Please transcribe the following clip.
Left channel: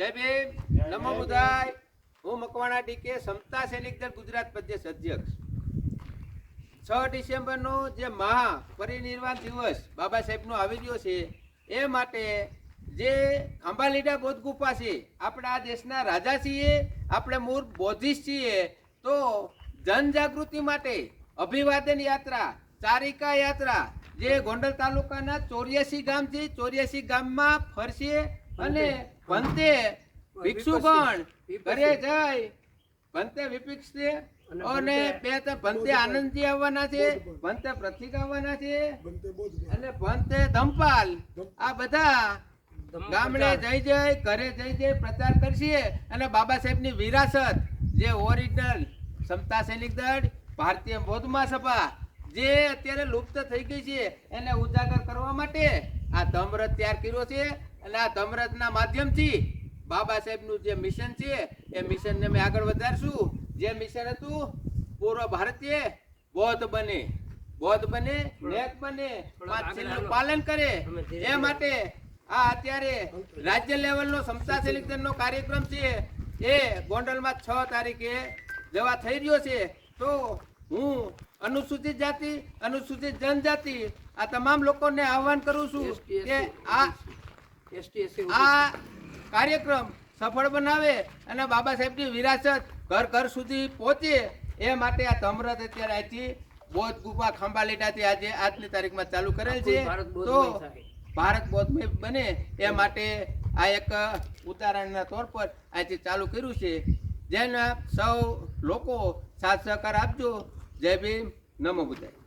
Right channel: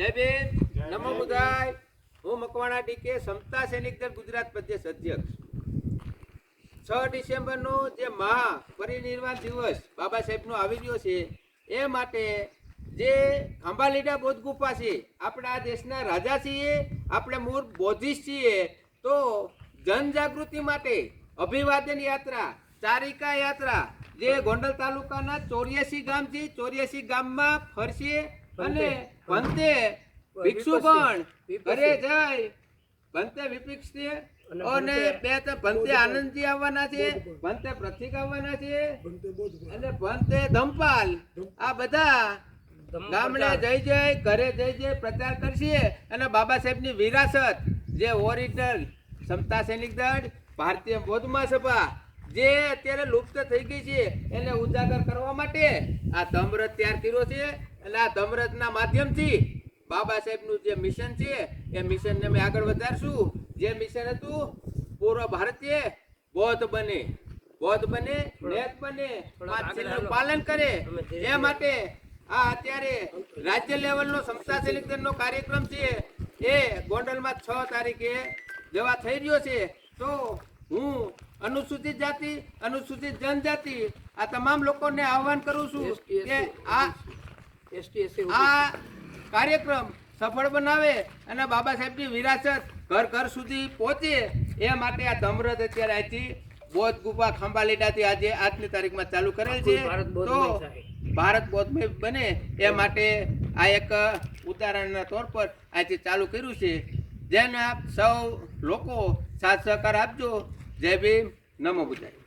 જય ભીમ, નમો બુદ્ધાય. હું મકવાણા ડીકે સમતા સૈનિક દળ ગુજરાત પ્રદેશ અધ્યક્ષ. 6 ડિસેમ્બરનો જે મહા પરિનિર્વાણ દિવસ બાબા સાહેબનો આવી ગયો છે એ માટે જે અંબાલીડા બૌદ્ધ ગુફા છે, આપણે આ દેશના રાજા છીએ, આપણે મૂળ બૌદ્ધિસ્ટ છીએ, તો જનજાગૃતિ માટે અભિવાદન યાત્રા, ચારિકા યાત્રા જે ગોંડલ તાલુકાના 84 ગામ છે, 84 ગામમાં ફરશે અને ભંતે ભિક્ષુગણ ઘરે જઈ ભંતે વિપક્ષ છે અને બે તો ભંતે આનંદજી આવવાના છે, ભંતે પ્રતિક આવવાના છે અને ભંતે ધમપાલ, આ બધા ગામડે જઈ જઈ ઘરે જઈ જઈ પ્રચાર કરશે અને બાબા સાહેબની વિરાસત જે ઓરિજિનલ સમતા સૈનિક દળ ભારતીય બૌદ્ધ મહાસભા જે અત્યારે લુપ્ત થઈ ગઈ છે એને ઉજાગર કરવા માટે આ ધમરથ તૈયાર કર્યો છે અને આ ધમરથના માધ્યમથી બાબા સાહેબનું જે મિશન છે એ મિશનને અમે આગળ વધારશું. જે મિશન હતું પૂર્વ ભારતીય બૌદ્ધ બને, નેત બને, પાંચશીલનું પાલન કરે, એ માટે આ અત્યારે રાજ્ય લેવલનો સમતા સૈનિક દળનો કાર્યક્રમ છે એ ગોંડલમાં 6 તારીખે જવા થઈ રહ્યો છે. તો હું અનુસૂચિત જાતિ, અનુસૂચિત જનજાતિ આ તમામ લોકોને આહવાન કરું છું કે આ કાર્યક્રમ સફળ બનાવે અને બાબા સાહેબની વિરાસત ઘર ઘર સુધી પહોંચે એ માટે આ ધમરથ અત્યારે અહીંથી બૌદ્ધ ગુફા ખંભાલીડાથી આજની તારીખમાં ચાલુ કરેલ છે. તો ભારત બૌદ્ધમય બને એ માટે આ એક ઉદાહરણના તौर પર અહીંથી ચાલુ કર્યું છે. જેને સૌ લોકો સાથ સહકાર આપજો. જય ભીમ, નમો બુદ્ધાય.